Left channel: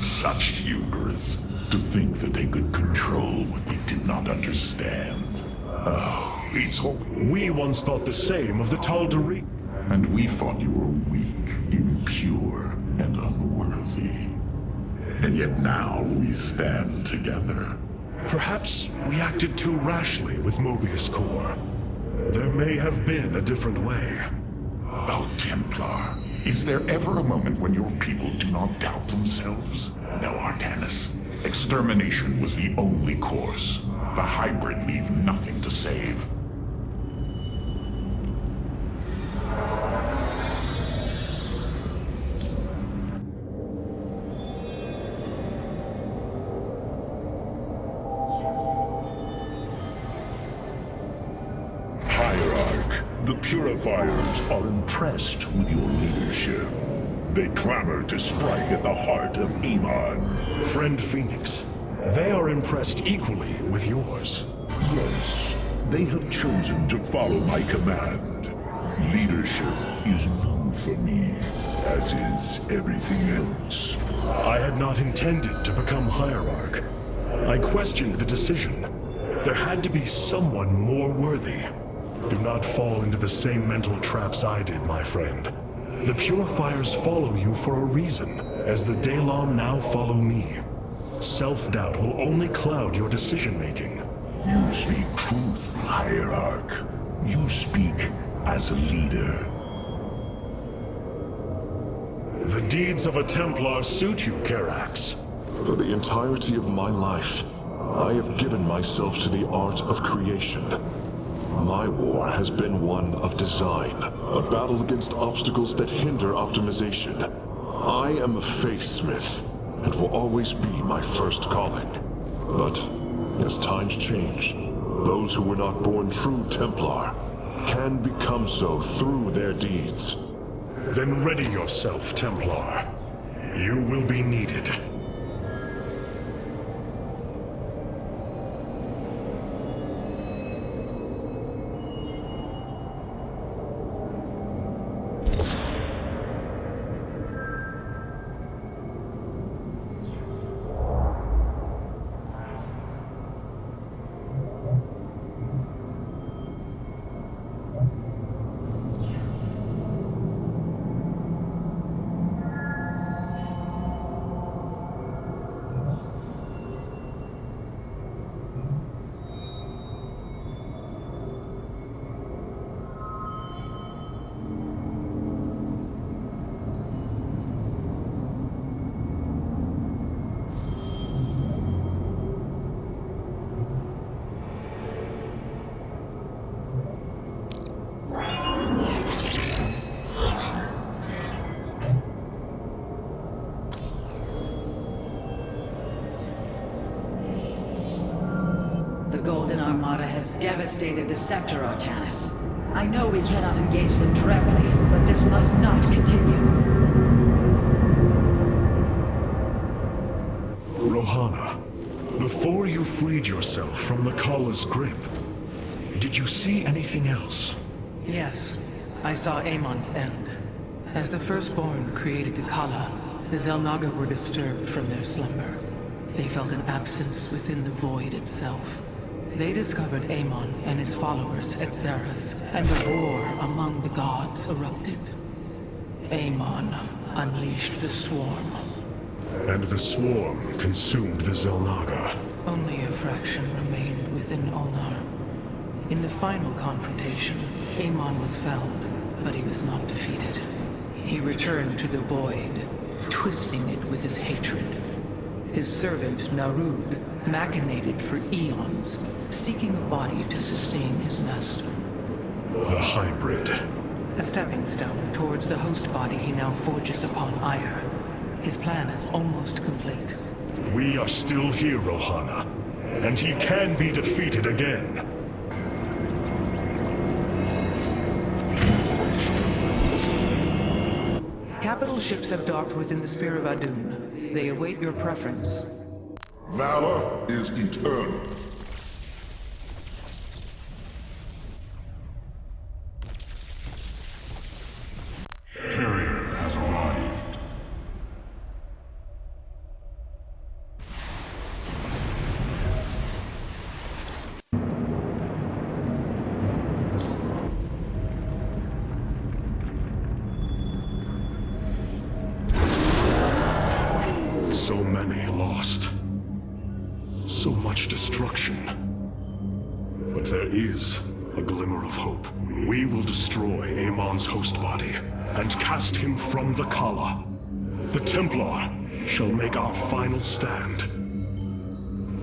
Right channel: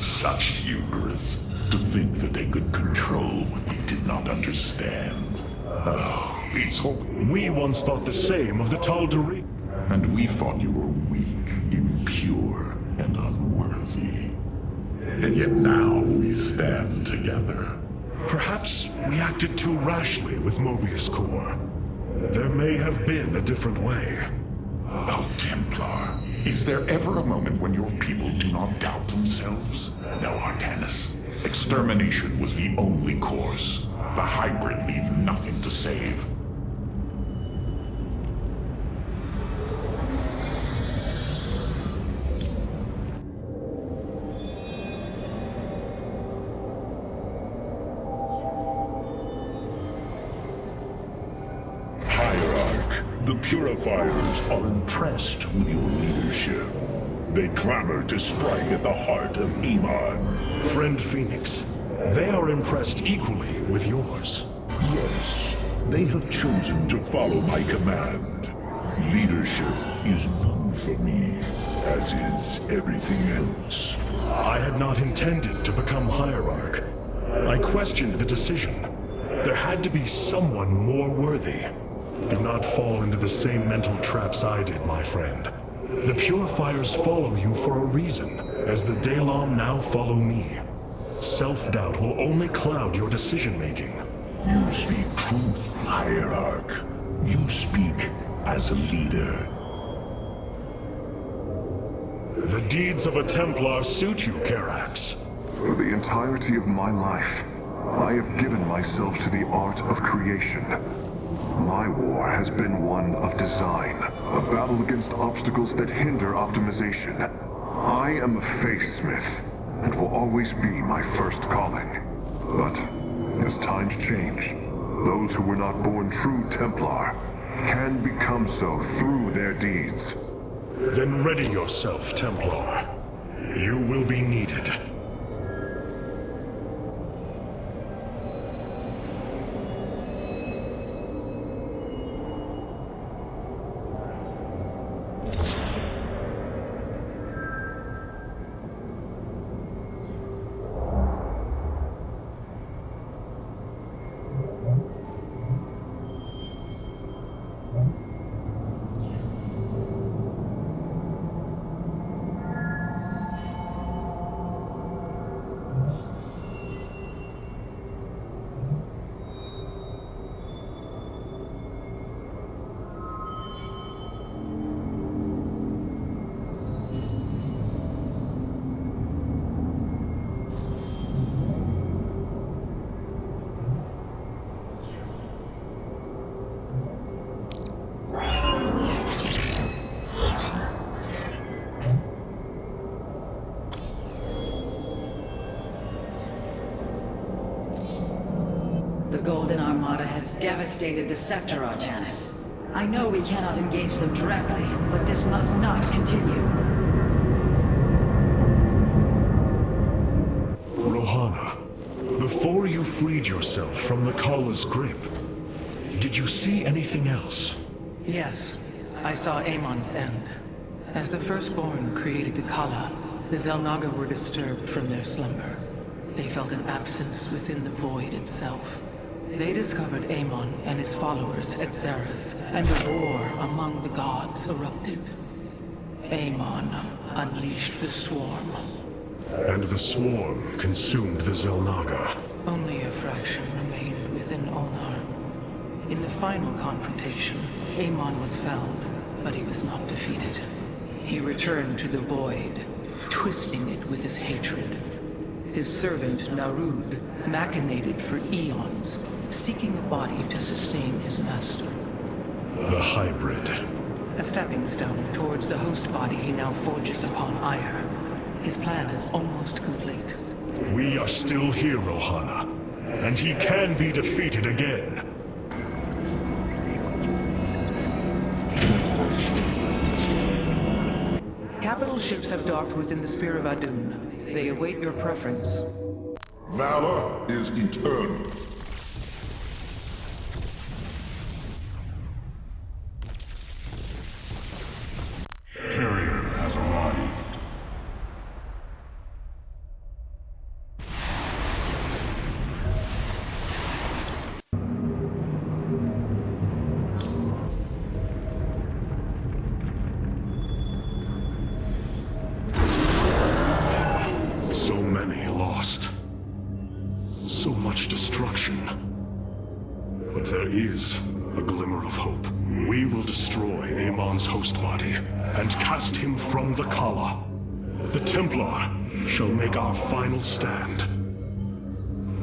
Such hubris. To think that they could control what we did not understand. Oh, it's all... We once thought the same of the Tal'Darim. And we thought you were weak, impure, and unworthy. And yet now we stand together. Perhaps we acted too rashly with Mobius Core. There may have been a different way. Oh, Templar, is there ever a moment when your people do not doubt themselves? No, Artanis. Extermination was the only course. The hybrid leave nothing to save. Hierarch, the Purifiers are impressed with your leadership. They clamor to strike at the heart of Iman. Friend Phoenix, they are impressed equally with yours. Yes, they have chosen to follow my command. Leadership is new for me, as is everything else. I had not intended to become Hierarch. I questioned the decision. There had to be someone more worthy. Do not fall into the same mental traps I did, my friend. The Purifiers follow you for a reason, as the Dalam now follow me. Self-doubt will only cloud your decision-making. You speak truth, Hierarch. You speak as a leader. The deeds of a Templar suit you, Karax. For the entirety of my life, I have given myself to the art of creation. My war has been one of design, a battle against obstacles that hinder optimization. I am a faithsmith, and will always be my first calling. But, as times change, those who were not born true Templar can become so through their deeds. Then ready yourself, Templar. You will be needed. The Golden Armada has devastated the sector, Artanis. I know we cannot engage them directly, but this must not continue. Rohana, before you freed yourself from the Kala's grip, did you see anything else? Yes, I saw Amon's end. As the Firstborn created the Kala, the Xel'Naga were disturbed from their slumber. They felt an absence within the void itself. They discovered Amon and his followers at Xeris, and a war among the gods erupted. Amon unleashed the Swarm. And the Swarm consumed the Xel'Naga. Only a fraction remained within Ulnar. In the final confrontation, Amon was felled, but he was not defeated. He returned to the void, twisting it with his hatred. His servant, Narud, machinated for eons, seeking a body to sustain his master. The hybrid. A stepping stone towards the host body he now forges upon Ire. His plan is almost complete. We are still here, Rohana, and he can be defeated again. Capital ships have docked within the Spear of Adun. They await your preference. Valor is eternal. Carrier has arrived. So many lost. So much destruction. But there is a glimmer of hope. We will destroy Amon's host body and cast him from the Kala. The Templar shall make our final stand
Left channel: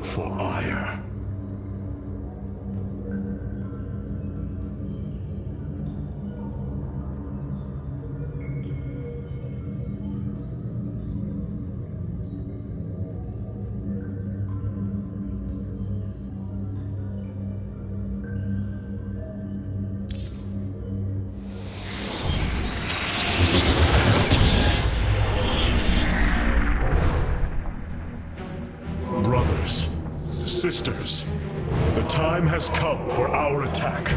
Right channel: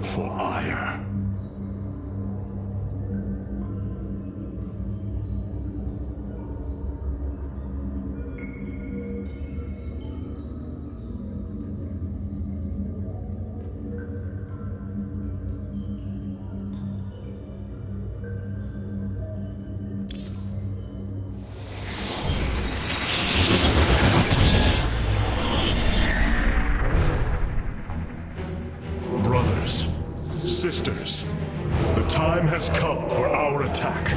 for ire. Brothers, sisters, the time has come for our attack.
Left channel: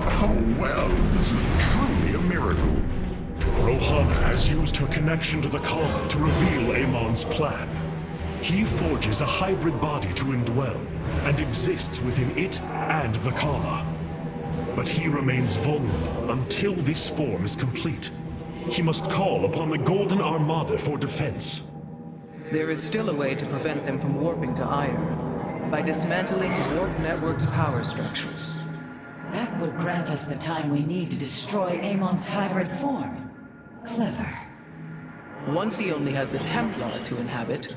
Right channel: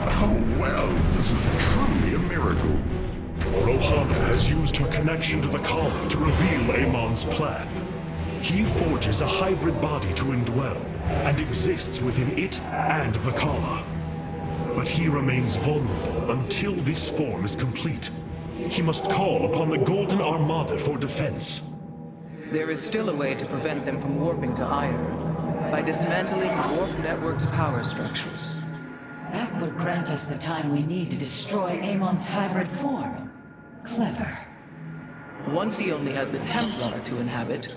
Oh, well, this is truly a miracle. Rohana has used her connection to the Kala to reveal Amon's plan. He forges a hybrid body to indwell, and exists within it and the Kala. But he remains vulnerable until this form is complete. He must call upon the Golden Armada for defense. There is still a way to prevent them from warping to Ire, by dismantling the Warp Network's power structures. That would grant us the time we need to destroy Amon's hybrid form. Clever. Once he only has the Templar to inhabit,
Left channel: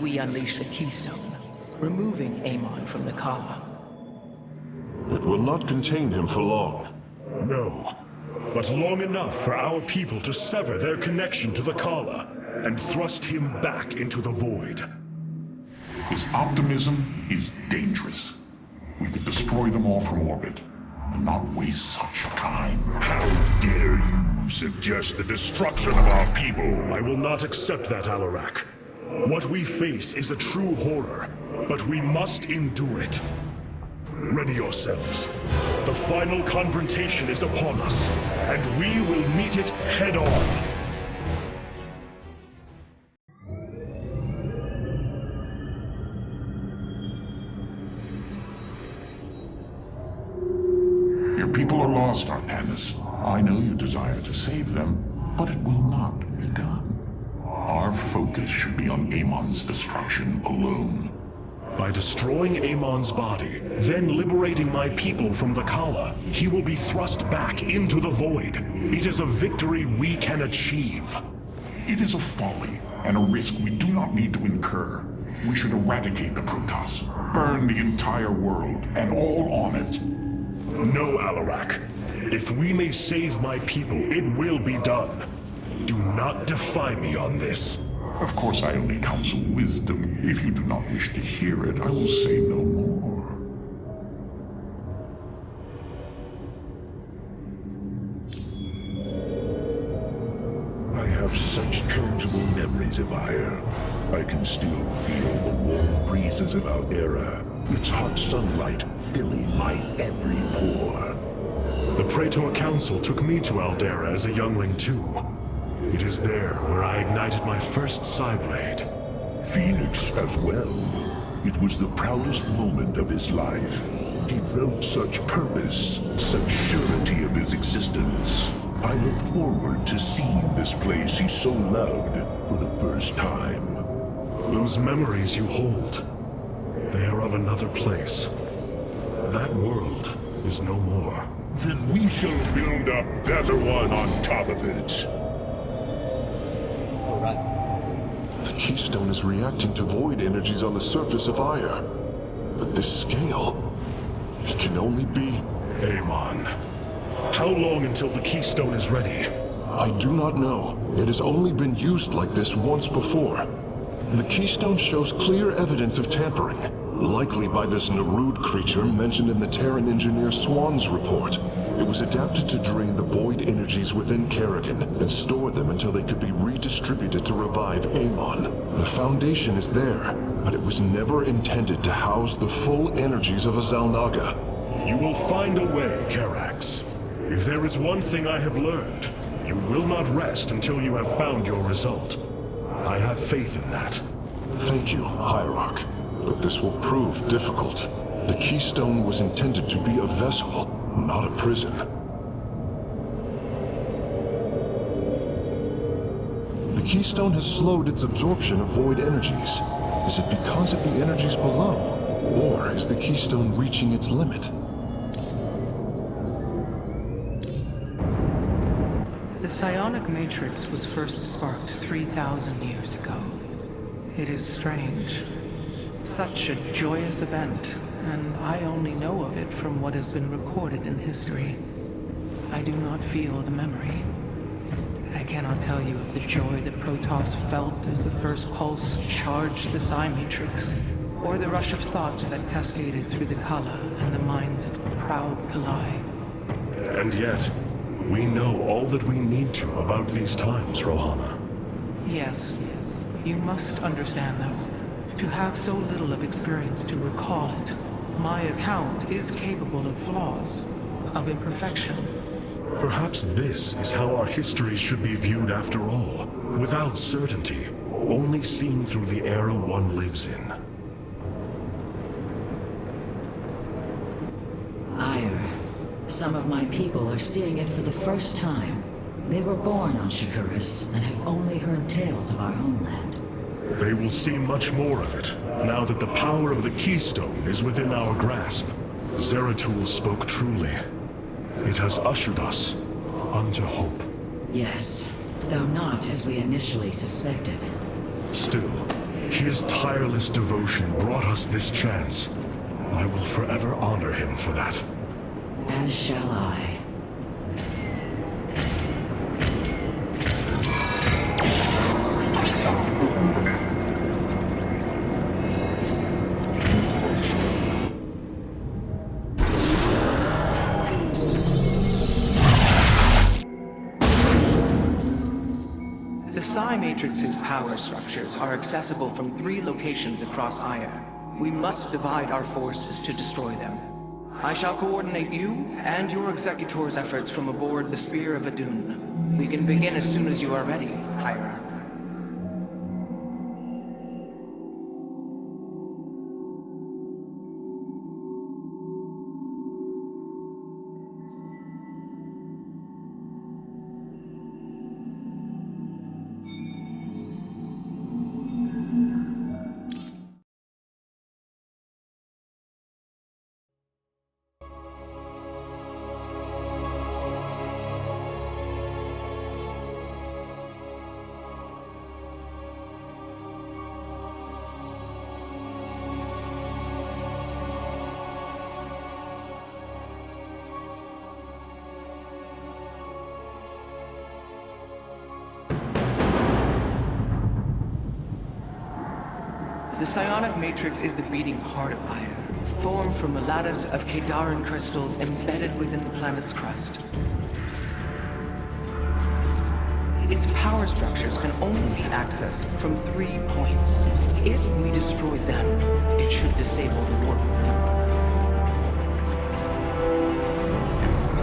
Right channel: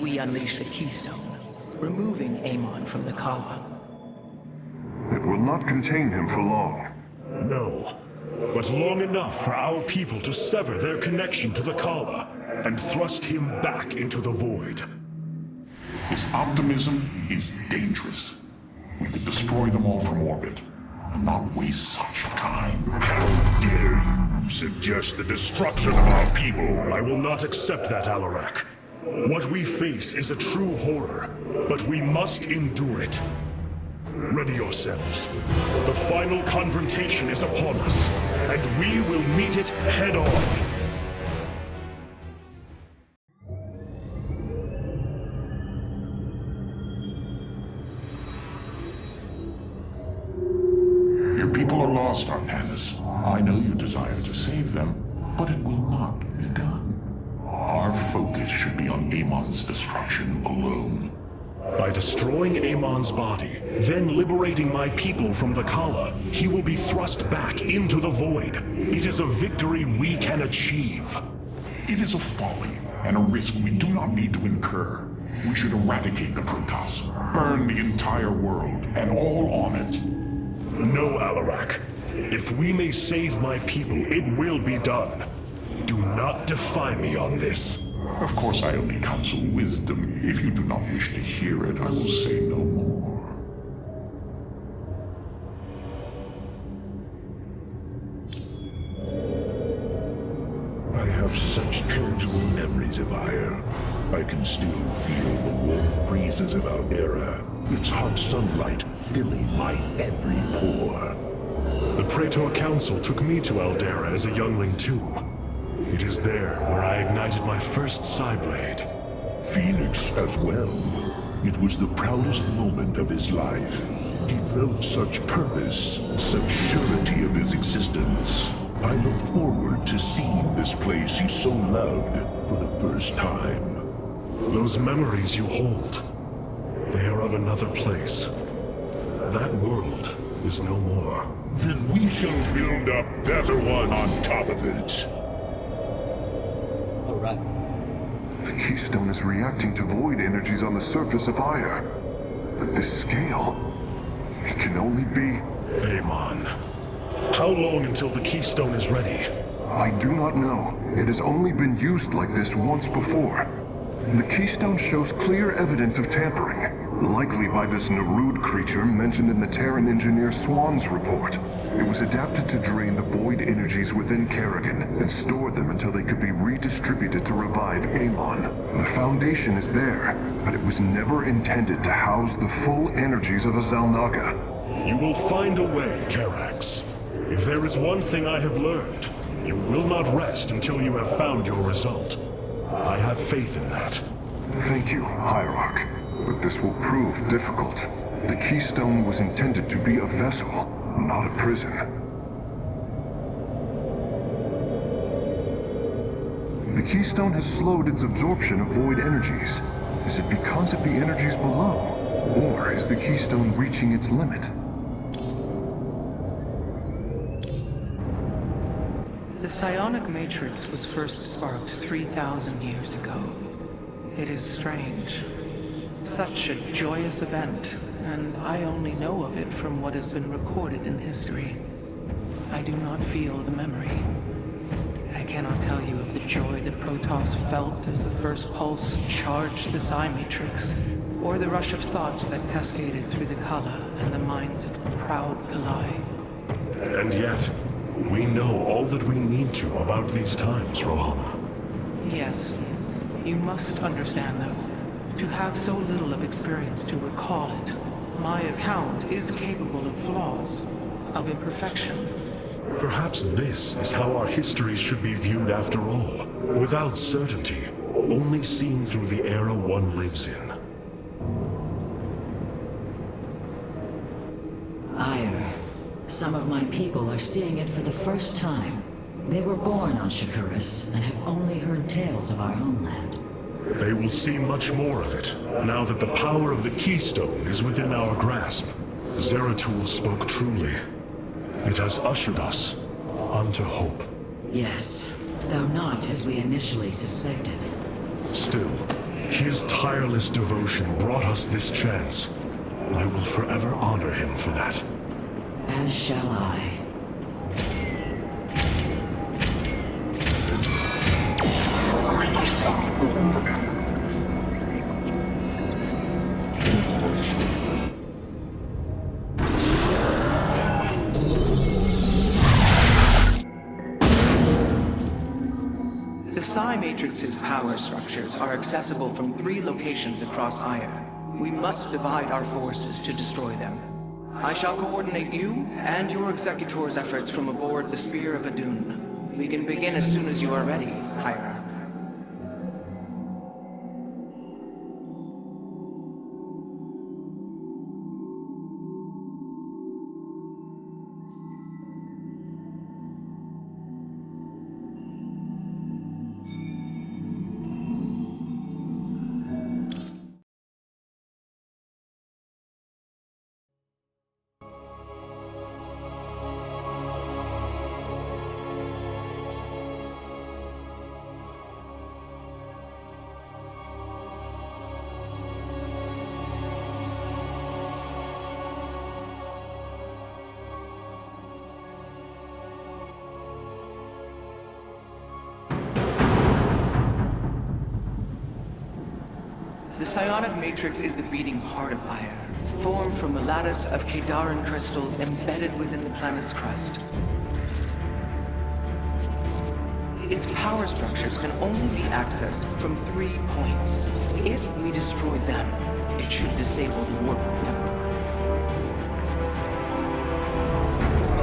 we unleash the Keystone, removing Amon from the Kala. It will not contain him for long. No, but long enough for our people to sever their connection to the Kala and thrust him back into the void. His optimism is dangerous. We could destroy them all from orbit, and not waste such time. How dare you suggest the destruction of our people? I will not accept that, Alarak. What we face is a true horror, but we must endure it. Ready yourselves. The final confrontation is upon us, and we will meet it head-on. Your people are lost, Artanis. I know you desire to save them, but it will not be done. Our focus should be on Amon's destruction alone. By destroying Amon's body, then liberating my people from the Kala, he will be thrust back into the void. It is a victory we can achieve. It is a folly and a risk we do not need to incur. We should eradicate the Protoss, burn the entire world, and all on it. No, Alarak. If we may save my people, it will be done. Do not defy me on this. Of course, I only counsel wisdom. If you do not wish to hear it, I will say no more. I have such tangible memories of Ire. I can still feel the warm breezes of Aldera, its hot sunlight filling my every pore. The Praetor Council took me to Aldera as a youngling too. It is there where I ignited my first Psyblade. Phoenix as well. It was the proudest moment of his life. He felt such purpose, such surety of his existence. I look forward to seeing this place he so loved for the first time. Those memories you hold, they are of another place. That world is no more. Then we shall build a better one on top of it. The Keystone is reacting to void energies on the surface of Ire. But this scale, it can only be... Amon. How long until the Keystone is ready? I do not know. It has only been used like this once before. The Keystone shows clear evidence of tampering, likely by this Narud creature mentioned in the Terran engineer Swan's report. It was adapted to drain the void energies within Kerrigan and store them until they could be redistributed to revive Amon. The foundation is there, but it was never intended to house the full energies of a Xalnaga. You will find a way, Karax. If there is one thing I have learned, you will not rest until you have found your result. I have faith in that. Thank you, Hierarch. But this will prove difficult. The Keystone was intended to be a vessel, not a prison. The keystone has slowed its absorption of void energies. Is it because of the energies below? Or is the keystone reaching its limit? The psionic matrix was first sparked 3,000 years ago. It is strange. Such a joyous event, and I only know of it from what has been recorded in history. I do not feel the memory. I cannot tell you of the joy that Protoss felt as the first pulse charged the psi matrix, or the rush of thoughts that cascaded through the Kala and the minds of the proud Kalai. And yet, we know all that we need to about these times, Rohana. Yes. You must understand, though, to have so little of experience to recall it, my account is capable of flaws, of imperfection. Perhaps this is how our histories should be viewed after all, without certainty, only seen through the era one lives in. Ire. Some of my people are seeing it for the first time. They were born on Shakuras and have only heard tales of our homeland. They will see much more of it, now that the power of the Keystone is within our grasp. Zeratul spoke truly. It has ushered us unto hope. Yes, though not as we initially suspected. Still, his tireless devotion brought us this chance. I will forever honor him for that. As shall I. The Psi Matrix's power structures are accessible from 3 locations across Ire. We must divide our forces to destroy them. I shall coordinate you and your Executor's efforts from aboard the Spear of Adun. We can begin as soon as you are ready, Hierarch. The psionic matrix is the beating heart of Ire, formed from a lattice of Kadaran crystals embedded within the planet's crust. Its power structures can only be accessed from 3 points. If we destroy them, it should disable the warp network.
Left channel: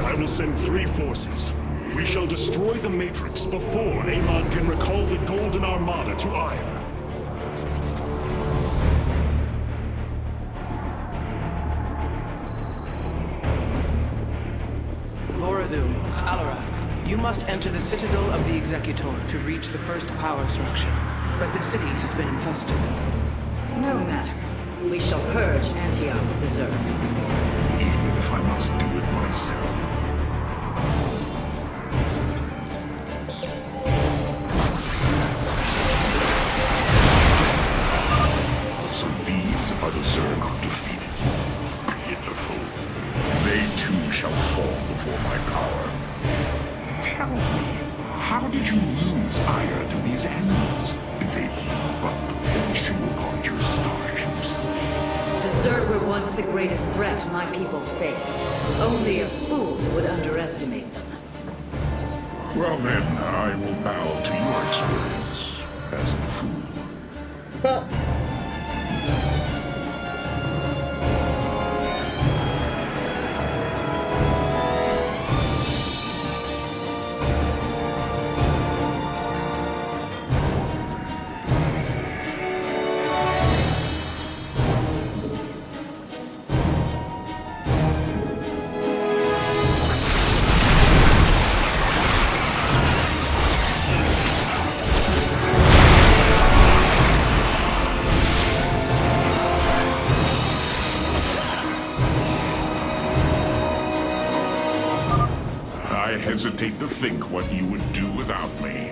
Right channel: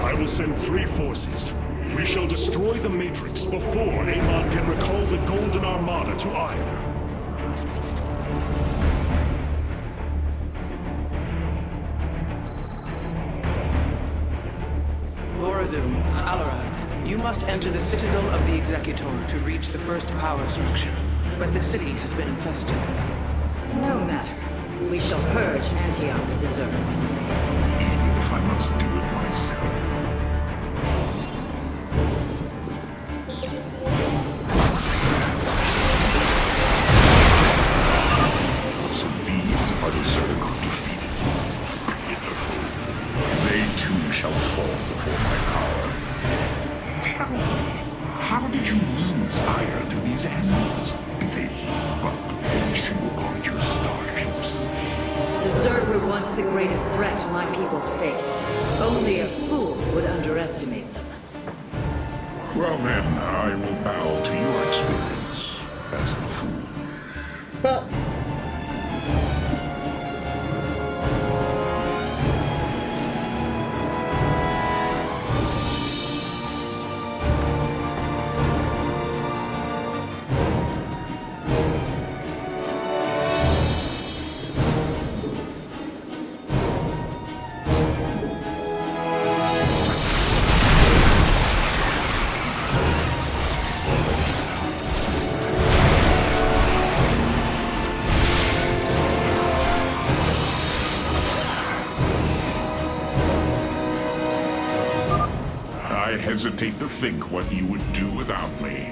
I will send 3 forces. We shall destroy the Matrix before Amon can recall the Golden Armada to Ire. Vorazum, Alarak, you must enter the Citadel of the Executor to reach the first power structure. But the city has been infested. No matter. We shall purge Antioch of the Zerg. Even if I must do it myself. So these are the Zerg who defeated you. Pitiful. They too shall fall before my power. Tell me, how did you lose ire to these animals? Did they heap up against you upon your starships? The Zerg were once the greatest threat my people faced. Only a fool would underestimate them. Well then, I will bow to your experience as the fool. Well, hesitate to think what you would do without me.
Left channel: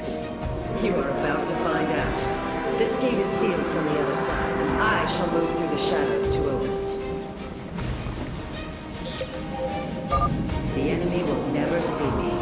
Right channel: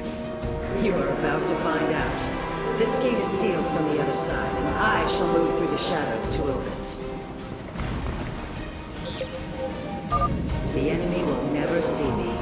You are about to find out. This gate is sealed from the other side, and I shall move through the shadows to open it. The enemy will never see me.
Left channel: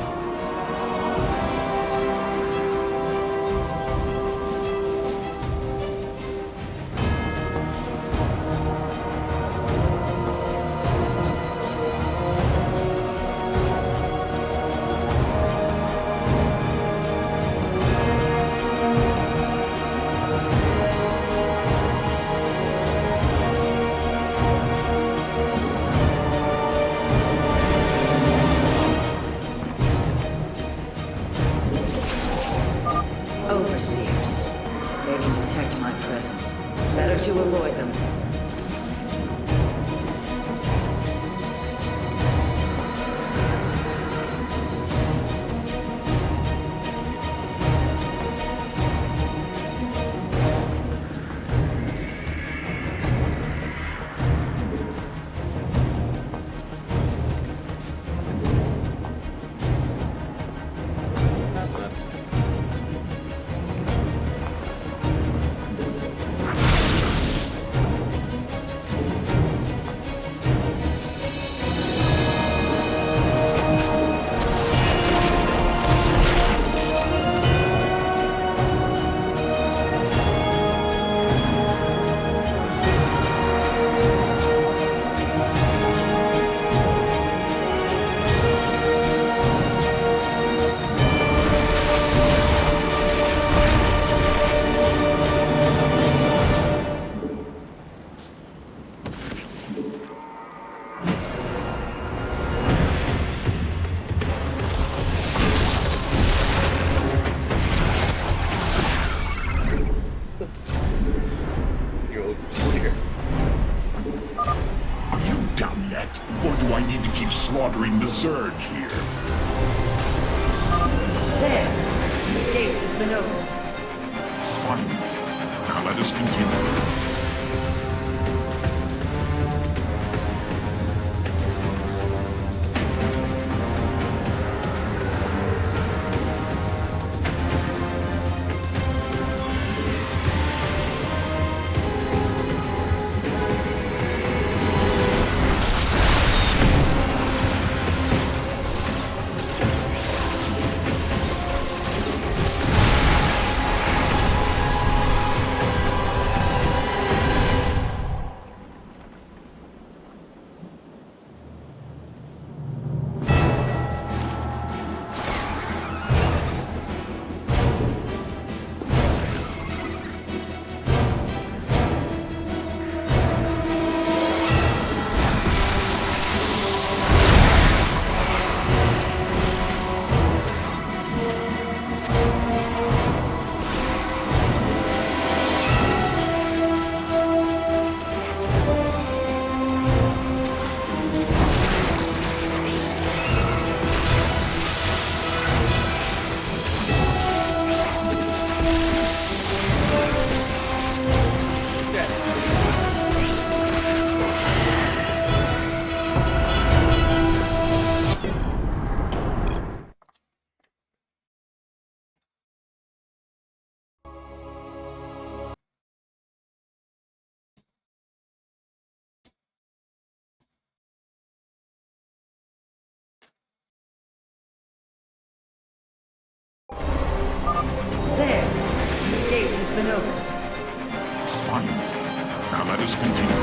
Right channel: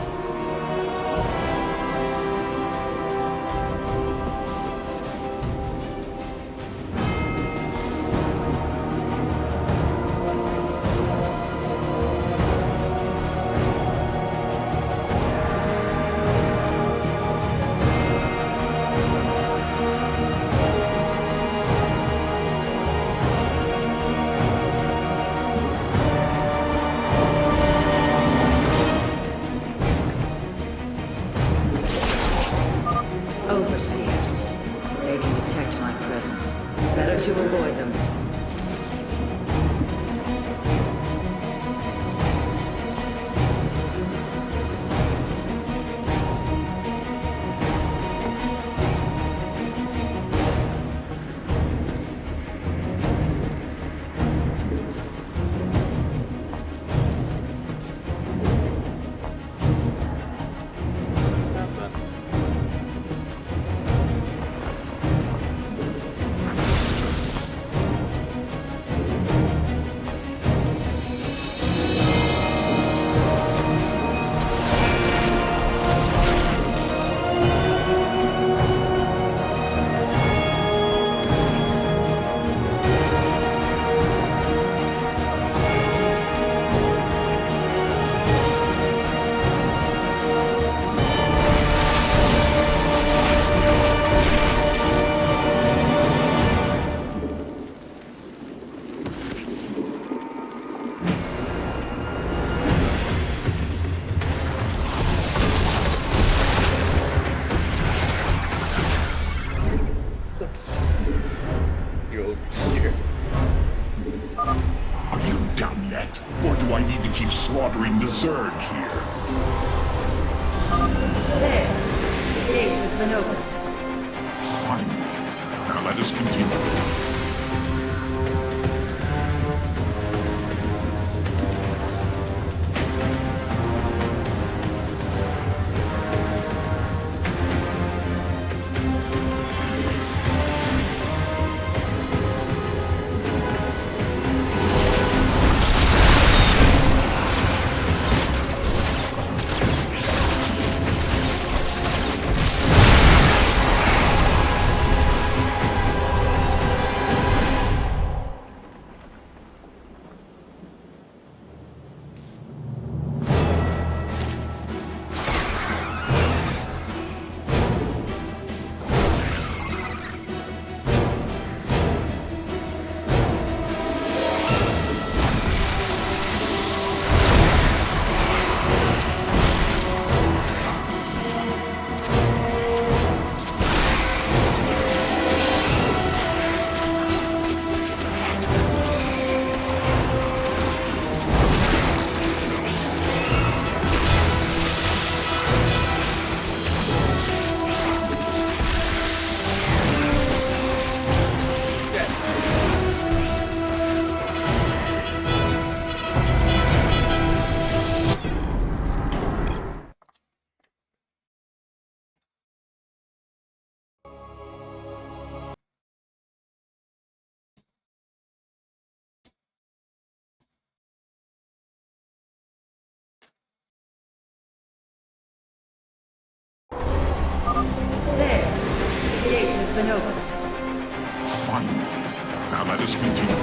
Overseers. They can detect my presence. Better to avoid them. That's it. You overseer. Are you done yet? Or do I need to keep slaughtering the Zerg here? There. The gate has been opened. Finally. Now let us continue. There. The gate has been opened. Finally. Now let us continue.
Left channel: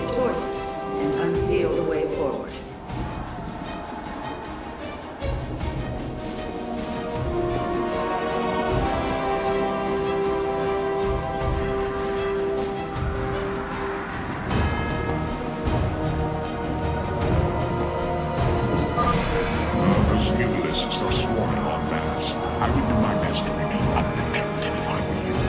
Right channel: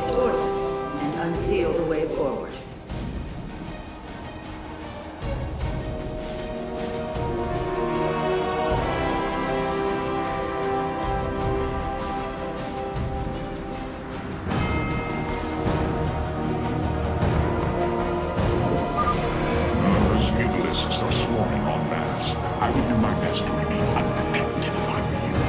base forces and unseal the way forward. Those mutalisks are swarming en masse. I would do my best to remain undetected if I were you.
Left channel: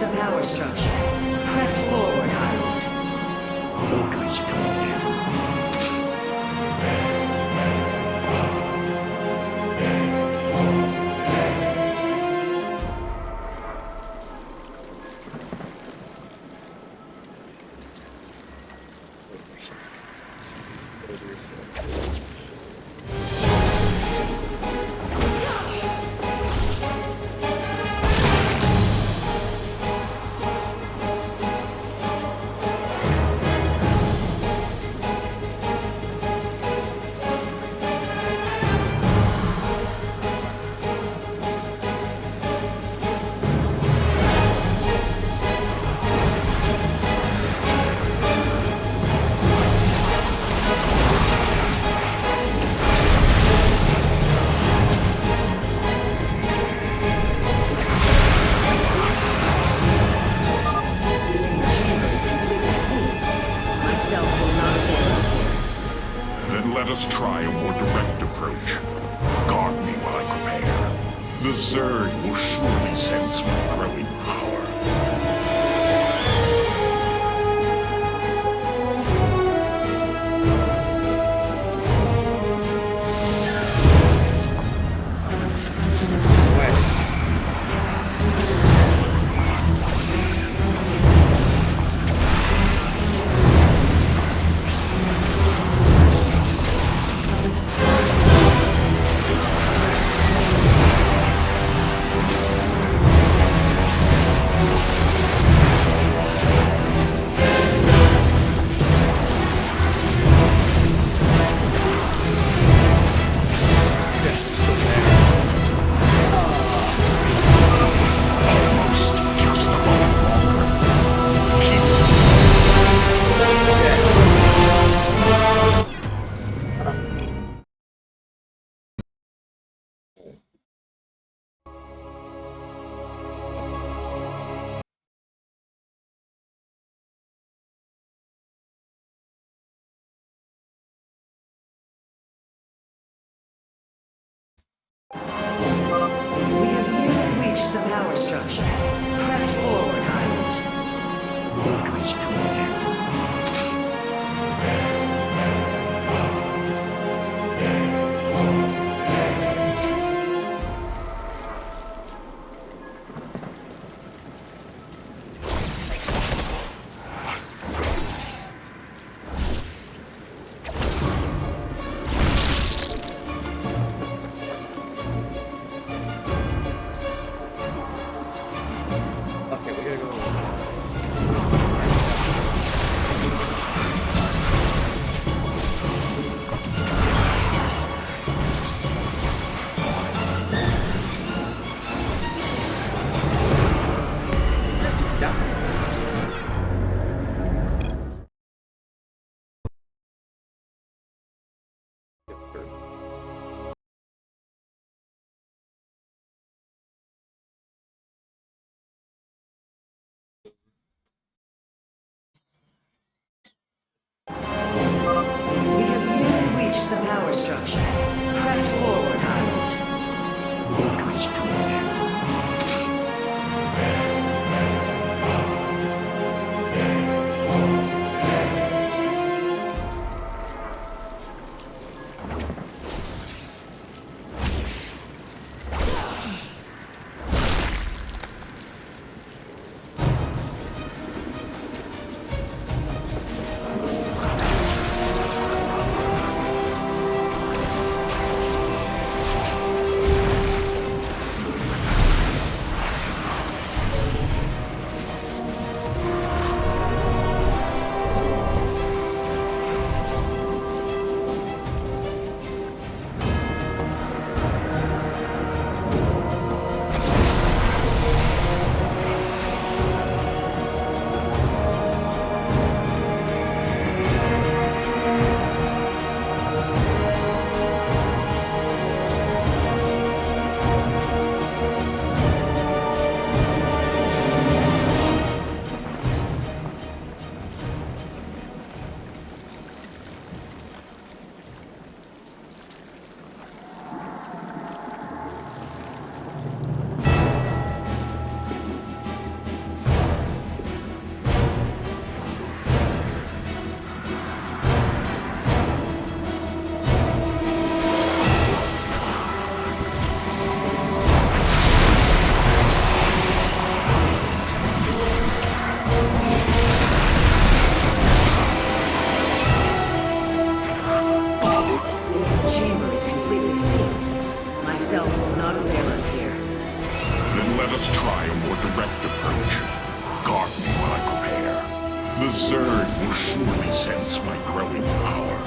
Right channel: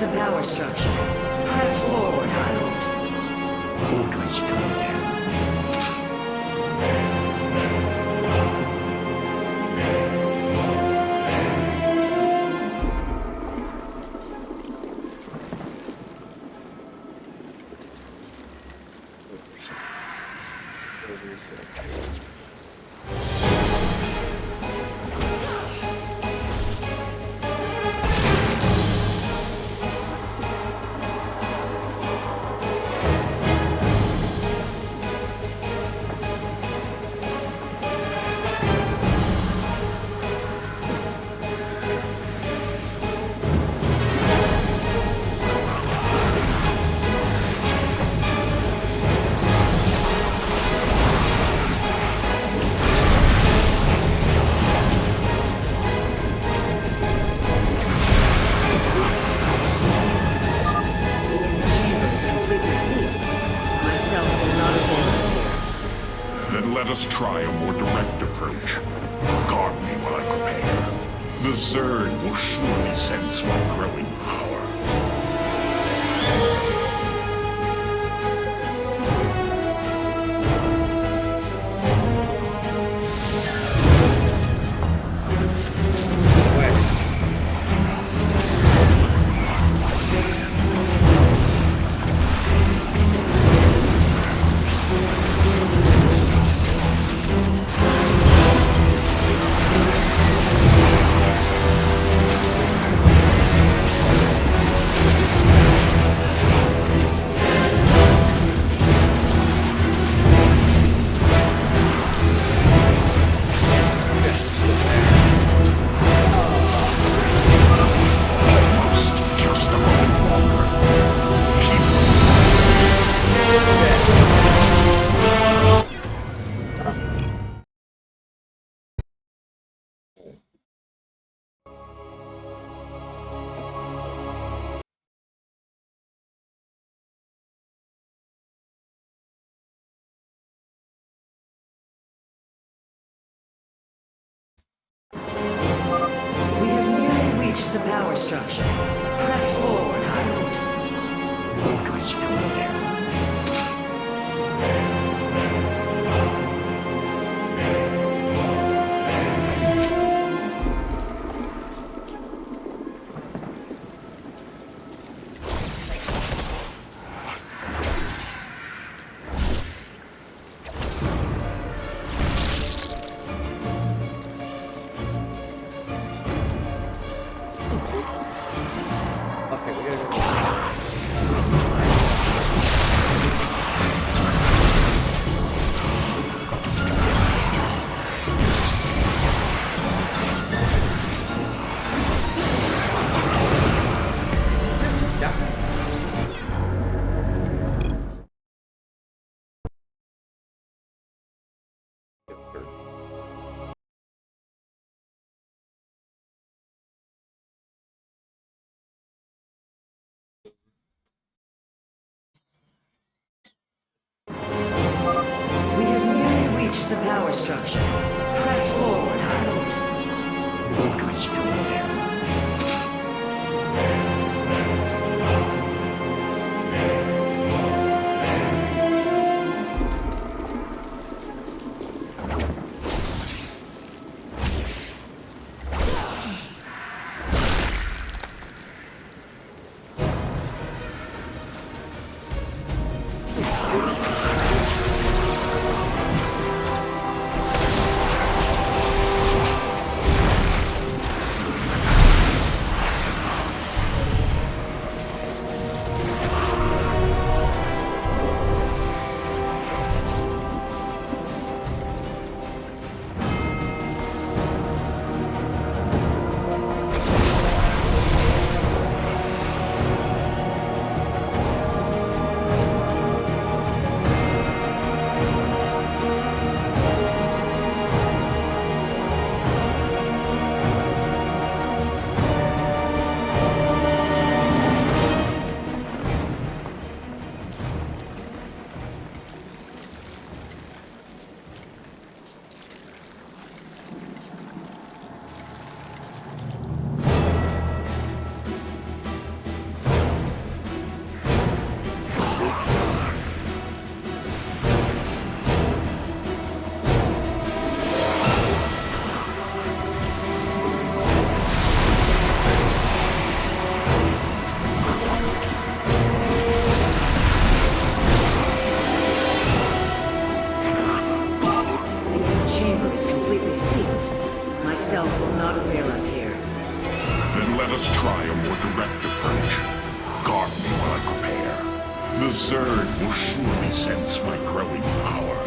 The power structure. Press forward, Highland. Orders from you. Let us try a more direct approach. Guard me while I prepare. The Zerg will surely sense my growing power. We have nearly reached the power structure. Press forward, Highland. Orders from you. Okay, we gotta go. the power structure. Press forward, High Lord. Orders from you. Then let us try a more direct approach. Guard me while I prepare. The Zerg will surely sense my growing power.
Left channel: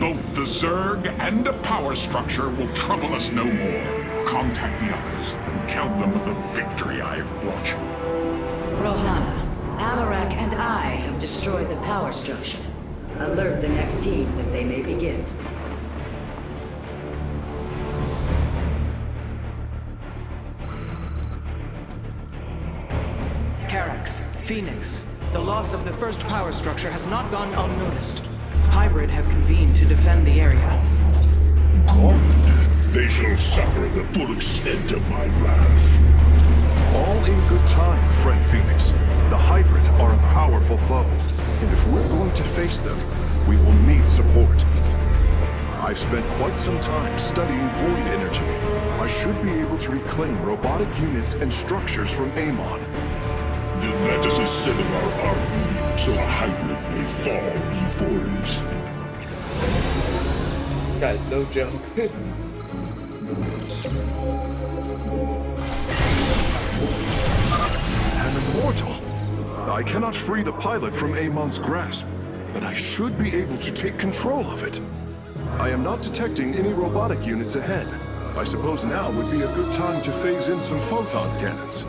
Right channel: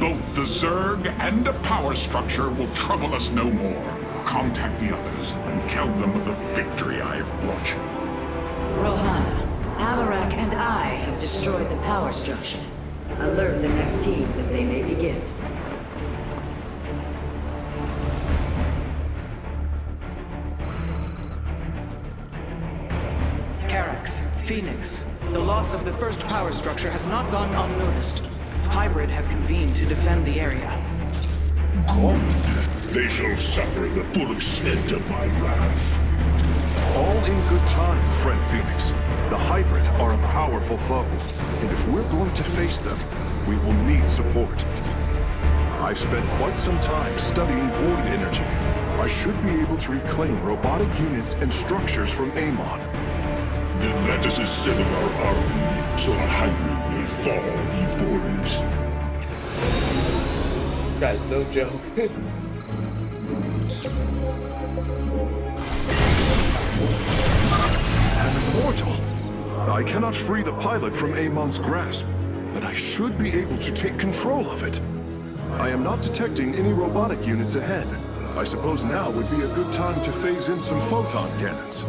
Both the Zerg and a power structure will trouble us no more. Contact the others and tell them of the victory I have brought you. Rohana, Alarak and I have destroyed the power structure. Alert the next team that they may begin. Carax, Phoenix, the loss of the first power structure has not gone unnoticed. Hybrid have convened to defend the area. Good. They shall suffer the full extent of my wrath. All in good time, friend Phoenix. The Hybrid are a powerful foe, and if we're going to face them, we will need support. I've spent quite some time studying void energy. I should be able to reclaim robotic units and structures from Amon. Then let us assemble our army, so the Hybrid may fall before it. Guys, no joke. An immortal! I cannot free the pilot from Amon's grasp, but I should be able to take control of it. I am not detecting any robotic units ahead. I suppose now would be a good time to phase in some photon cannons.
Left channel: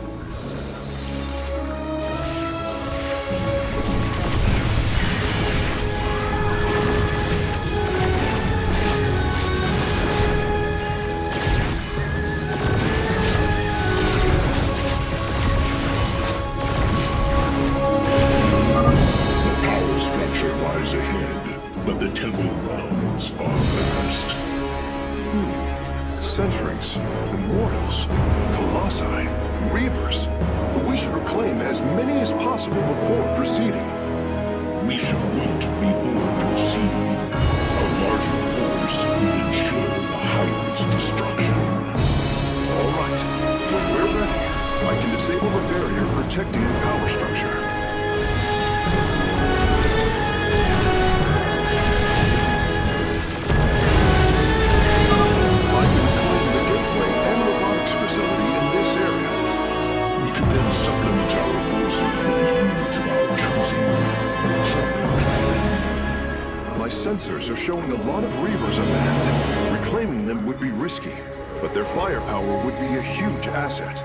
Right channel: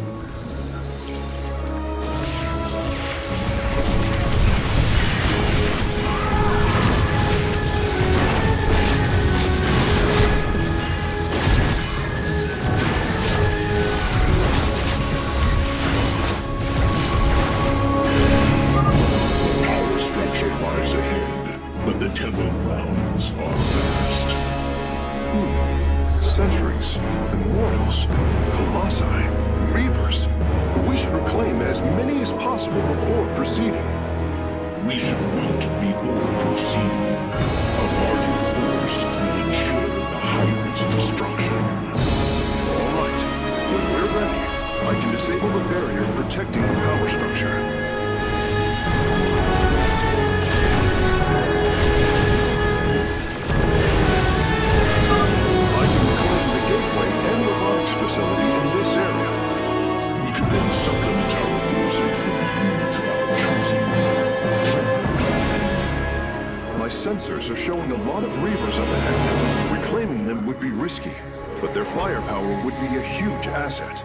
The power structure lies ahead, but the temple grounds are vast. Centuries, immortals, colossi, reavers. We should reclaim as many as possible before proceeding. We should wait before proceeding. A larger force will ensure the Hybrid's destruction. All right. When we're ready, I can disable the barrier protecting the power structure. I can reclaim the gateway and robotics facility in this area. We could then supplement our forces with the units of our choosing. A clever plan. My sensors are showing a lot of reavers up ahead. Reclaiming them would be risky, but their firepower would be a huge asset.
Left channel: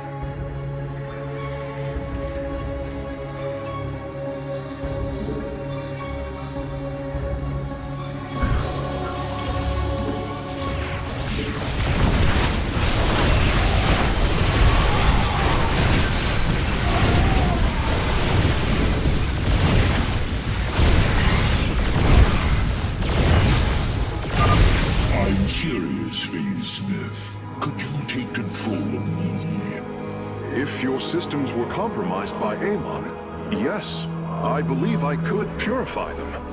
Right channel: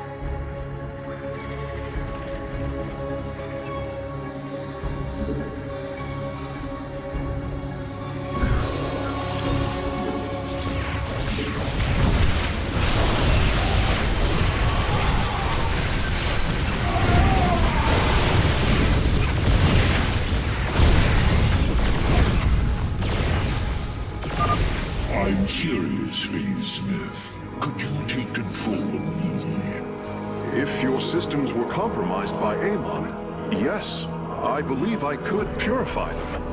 I'm curious, Phase Smith. Could you take control of me? If your systems were compromised by Amon, yes, I believe I could purify them.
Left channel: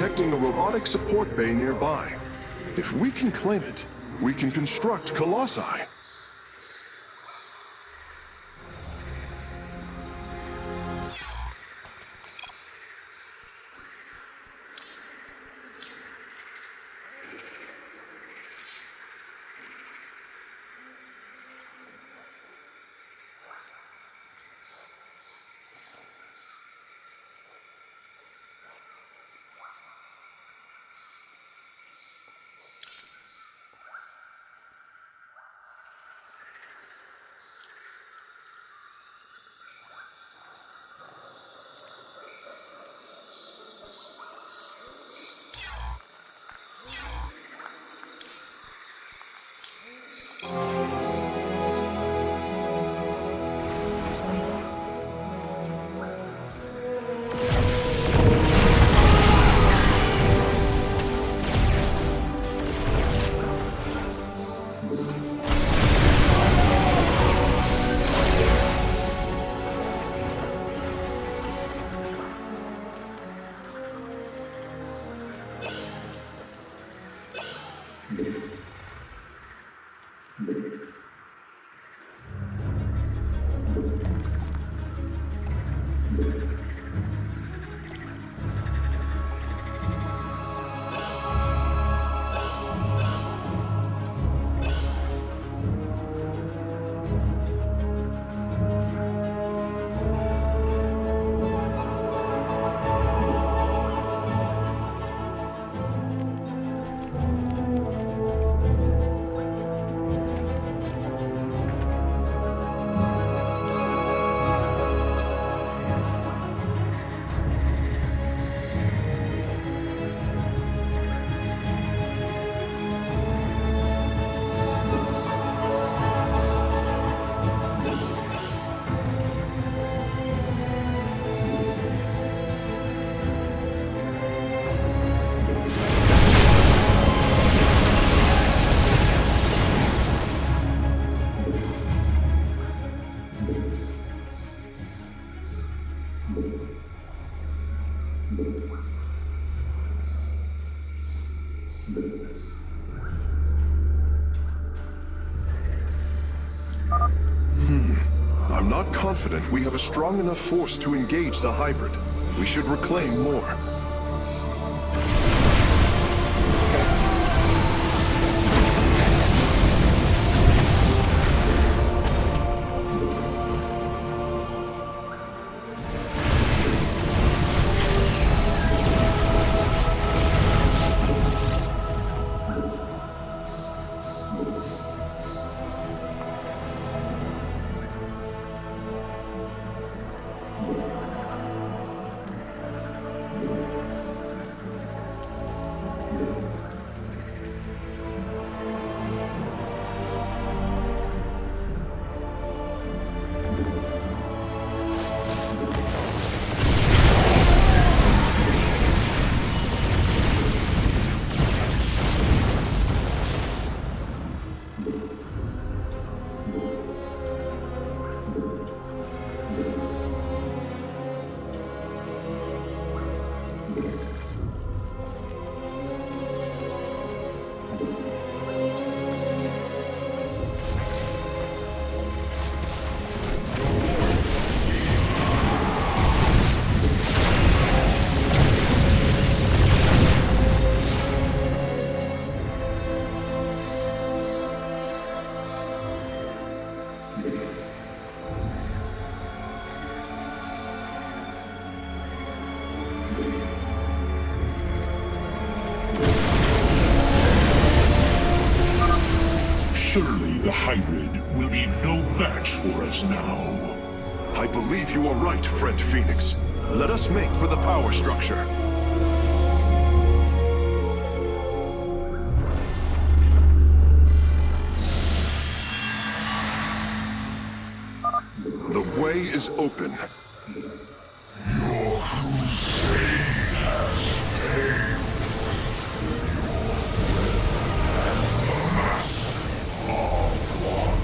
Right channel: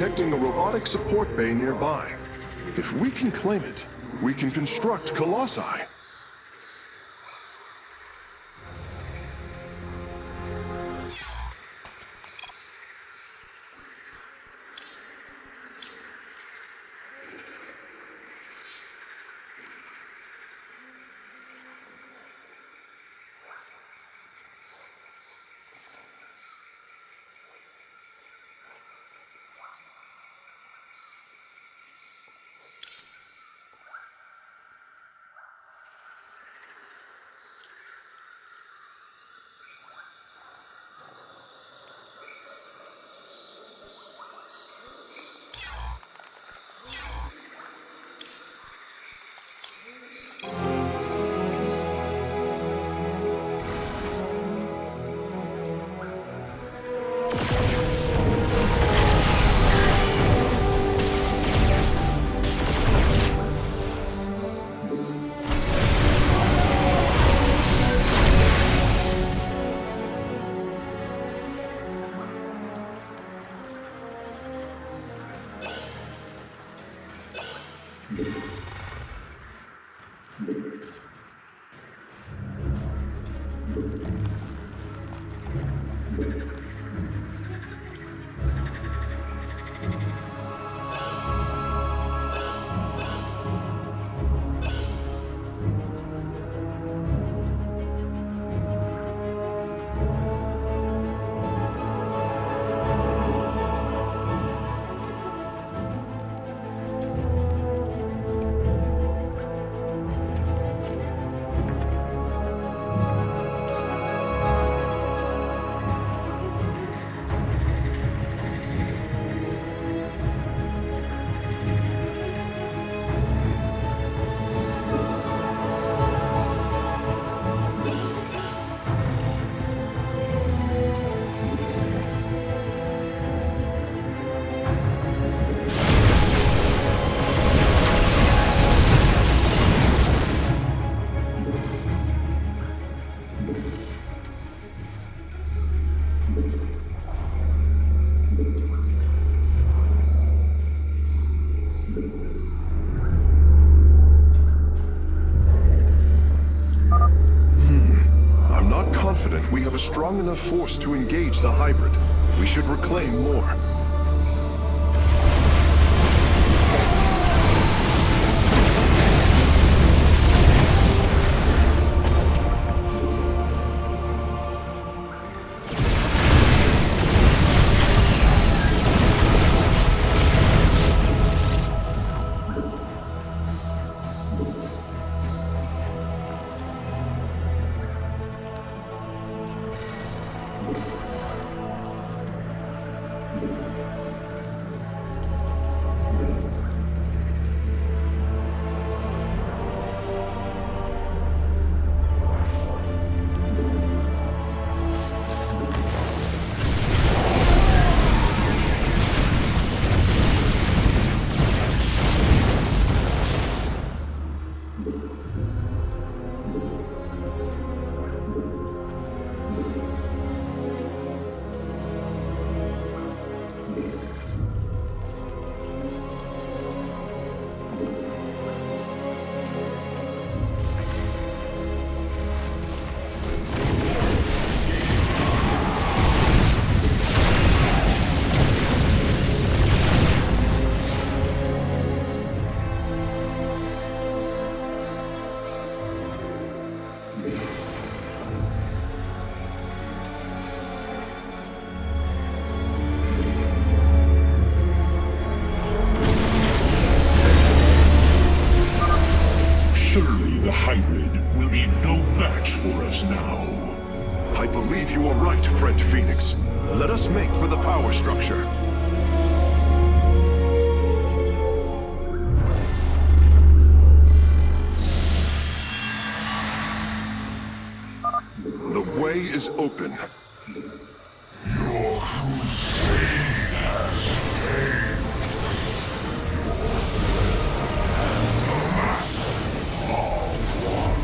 detecting a robotic support bay nearby. If we can claim it, we can construct Colossi. I'm not confident we have a strong enough force to engage the hybrid. We should reclaim more. Surely the hybrid will be no match for us now. I believe you are right, friend Phoenix. Let us make for the power structure. The way is open. Your crusade has failed. The master of one.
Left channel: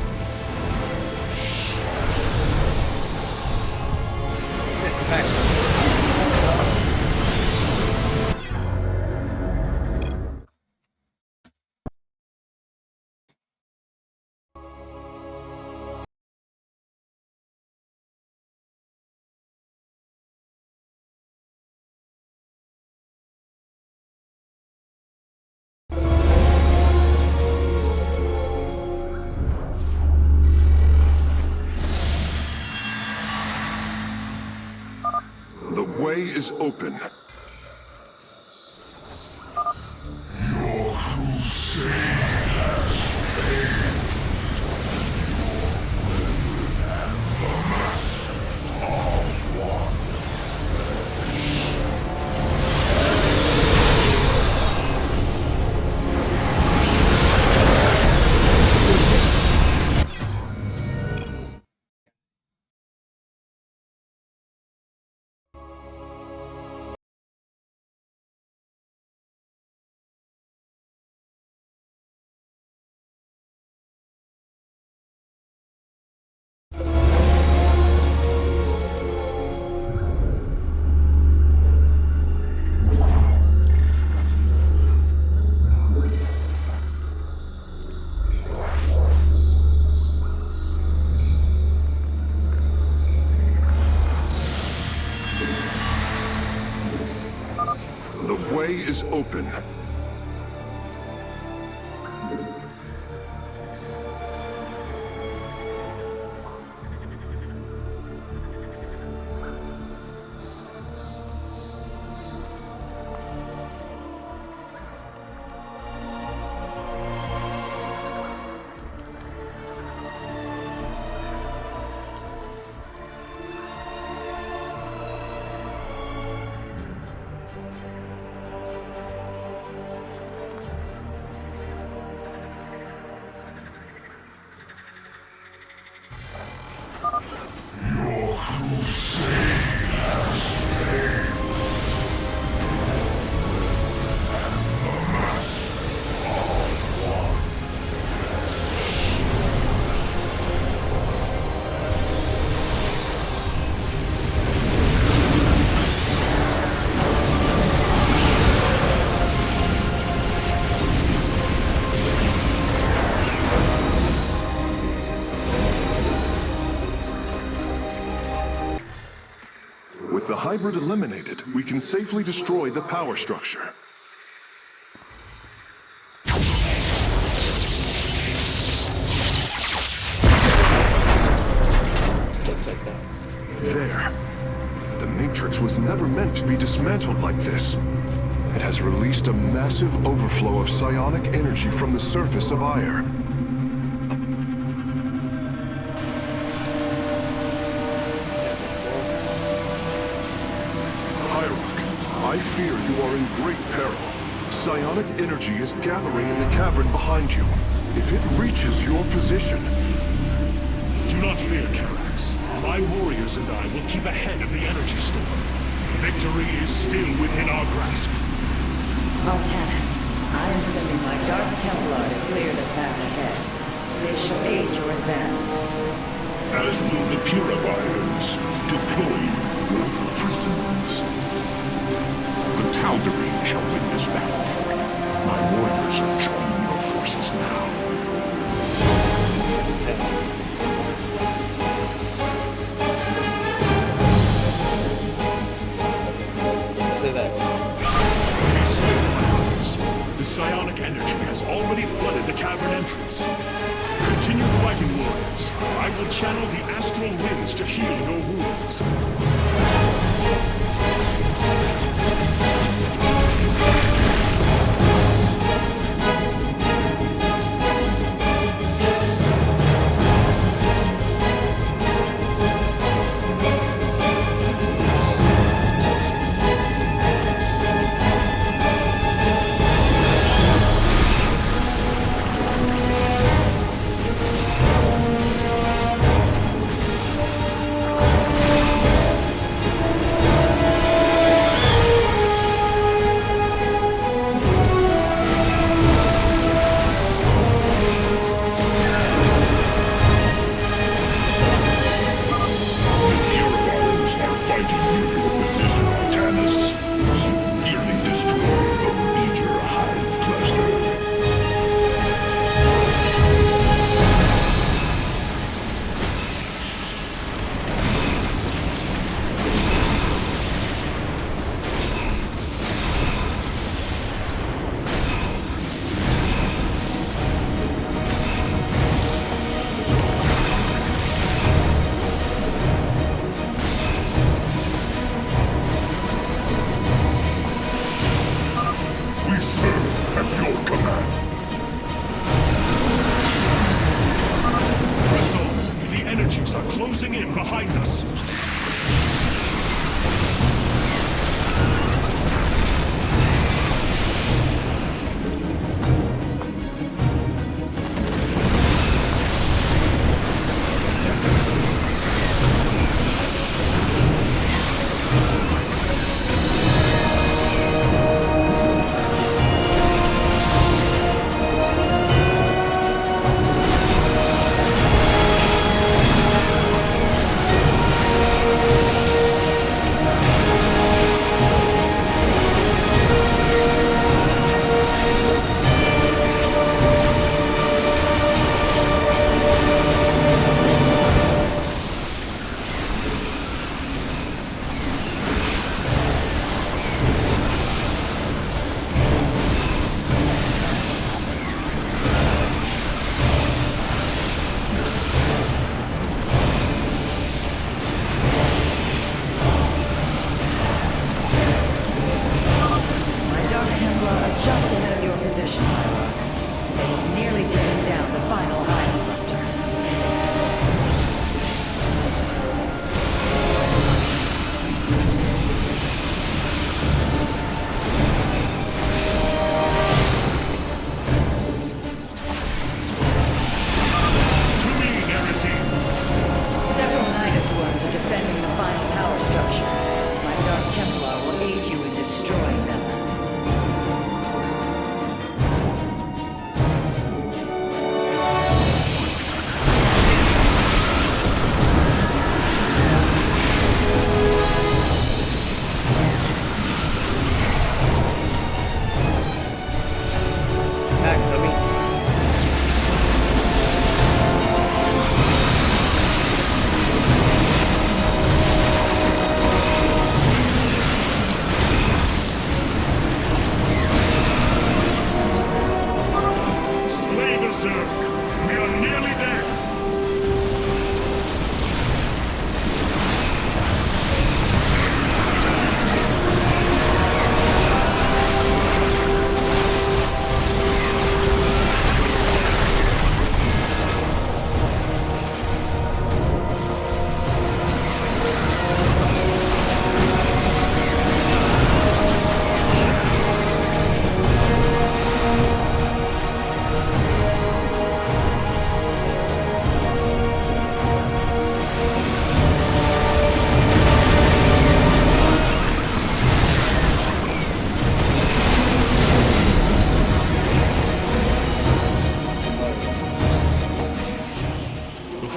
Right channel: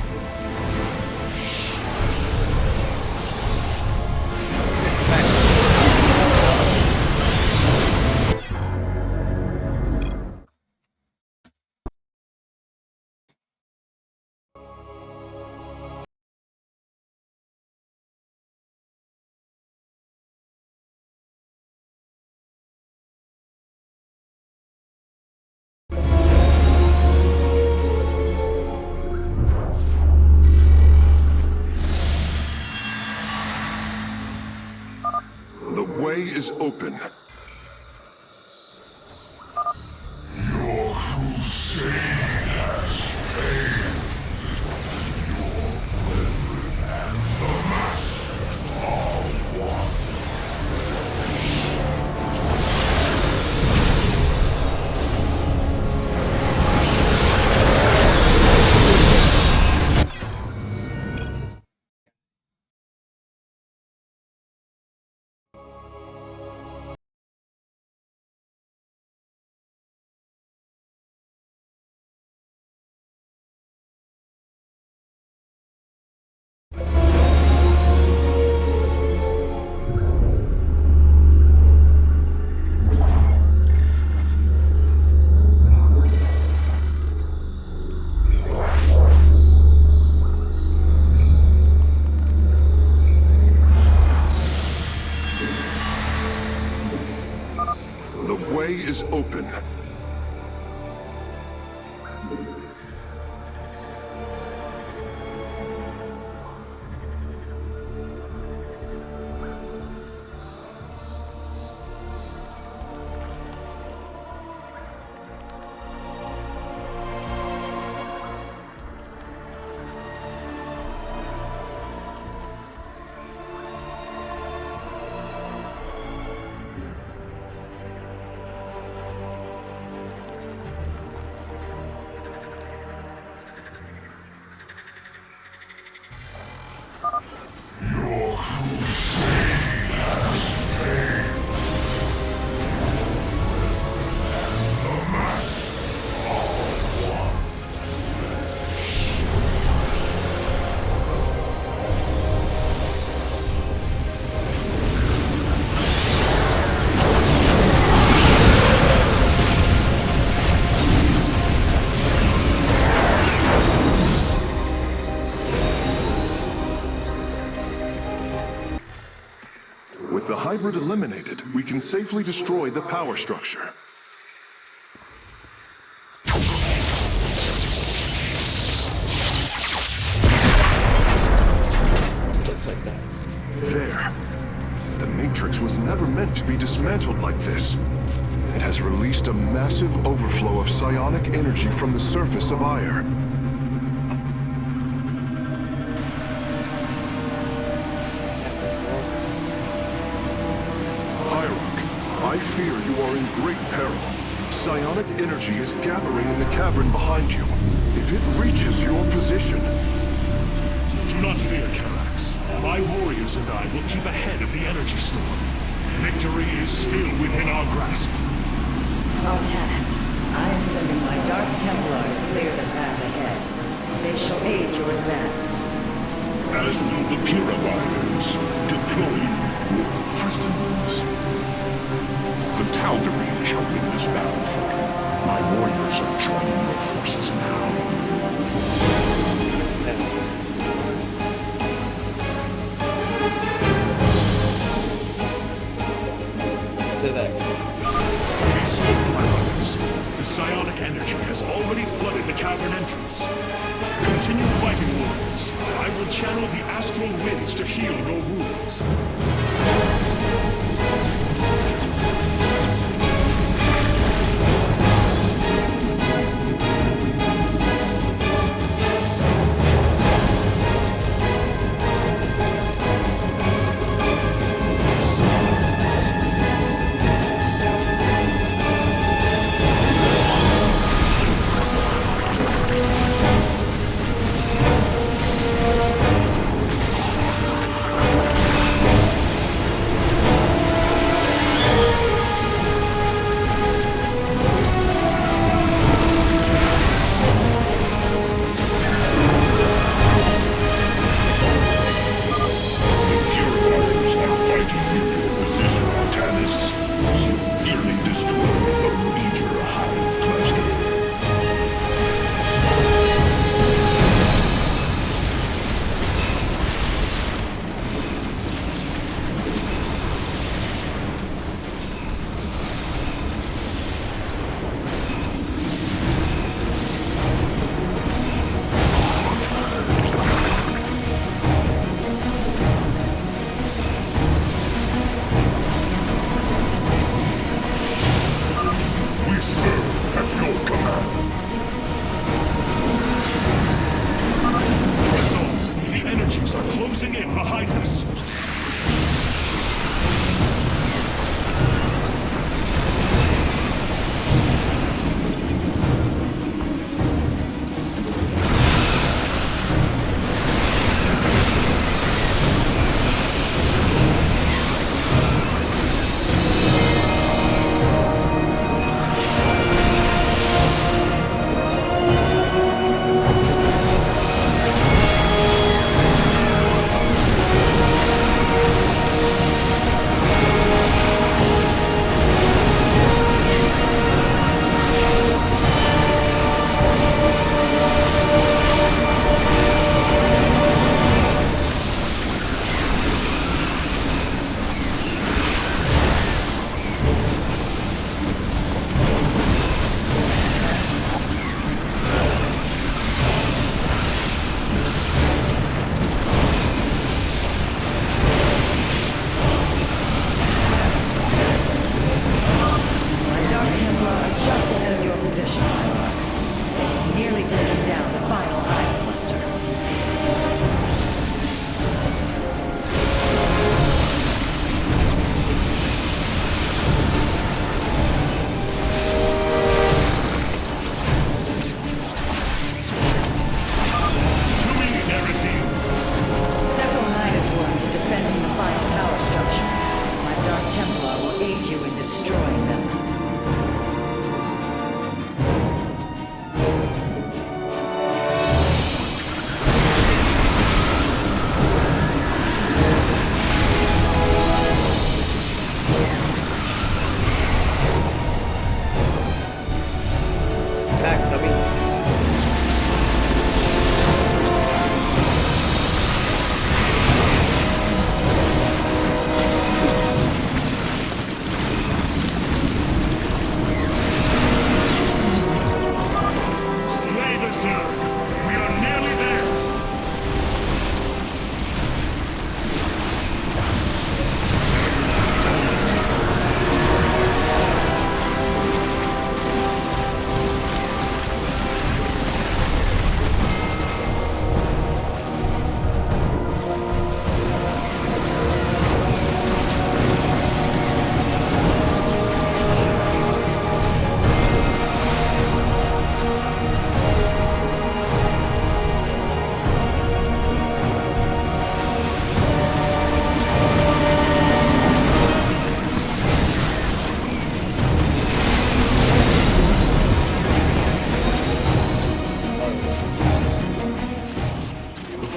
is open. Your crusade has failed. The Master are one. The way is open. Your crusade has failed. The Master are one. With the hybrid eliminated, we can safely destroy the power structure. Just like that. There. The Matrix was never meant to be dismantled like this. It has released a massive overflow of psionic energy from the surface of Ire. I fear you are in great peril. Psionic energy is gathering in the cavern behind you. If it reaches your position... Do not fear, Karax. My warriors and I will keep ahead of the energy storm. Victory is still within our grasp. Artanis, I am sending my Dark Templar to clear the path ahead. They shall aid your advance. As will the Purifiers, deploying your prisoners. The Tal'Darim shall win this battle for you. My warriors are joining your forces now. Stay back. Be swift, my brothers. The psionic energy has already flooded the cavern entrance. Continue fighting, warriors. I will channel the astral winds to heal your wounds. closing in behind us.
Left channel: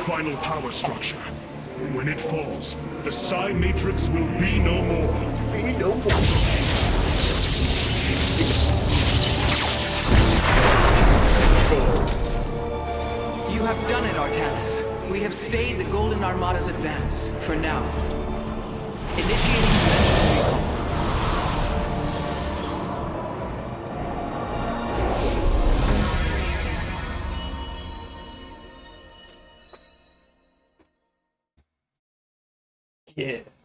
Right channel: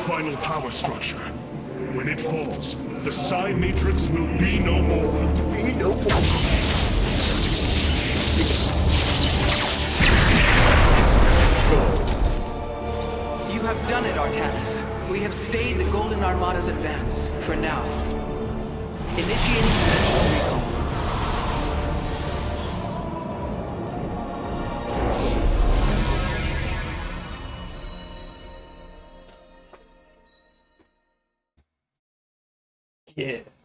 Final power structure. When it falls, the Psi Matrix will be no more. Be no more. You have done it, Artanis. We have stayed the Golden Armada's advance, for now. Initiating dimensional recall. Yeah.